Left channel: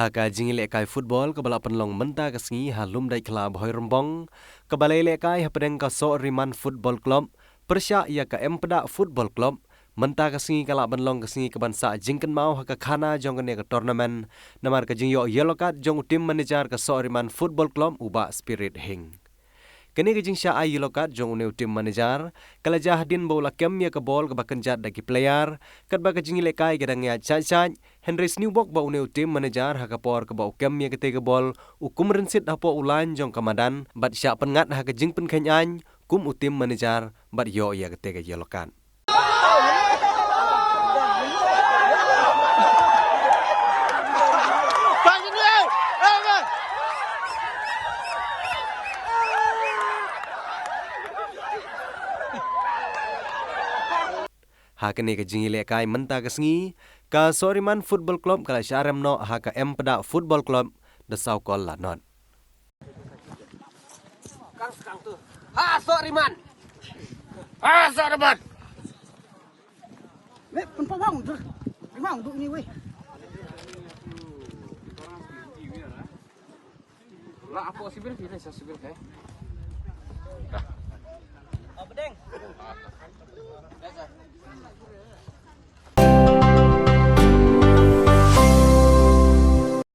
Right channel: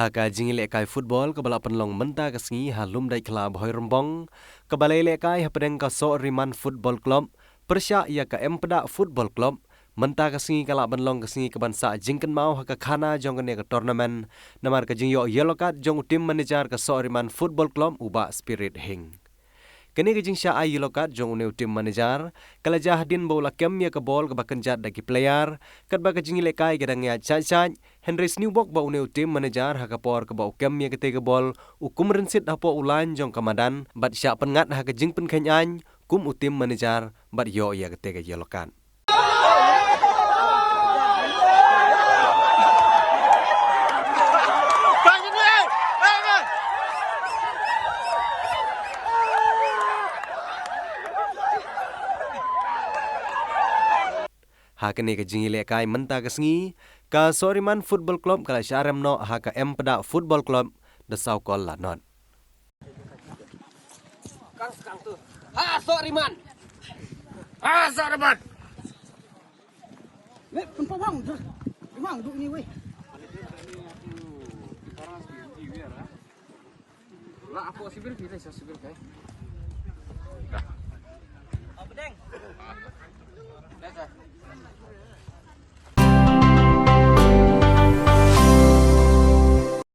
Haka jingi lekai football ke bala penlong menta kesengi halum dai kelab hoi rembong ke balai lekai hapedeng ka so riman football club persya ia ka empeda football club menta kesengi kala penlong kesengi ke bansa jingken mau haka khana jong ke tournament namar ke jing yo yellow card jong tim manager ke so riman football club uba spirit hing. Kini ke jing sya ai yellow card jong uneu tim manager kala jahdin bola kem ya ke bol ke bakenjat dagi player kat ba ke jing lekai gedang ya chat Henry Newbok ba uneu tim manager haka por ke ba kem ya ke te ke bol ukum rensit hapo ulan jong kamadan bat sya pengat haka jing pen khenyan kum utim manager bat yo ya ke te ke yellow card. Hakene ke jingi lekai menta kesengi ka Soriman Football Club kala syarem no haka empeda Football Club de saukol lanot. Kang tu. Ha Soriman. Ha Soriman. Weh, tempat bang tu. Memang duduk ni weh. Lah aku sibir pilih saya sibir ke. Apa deng? Biasa.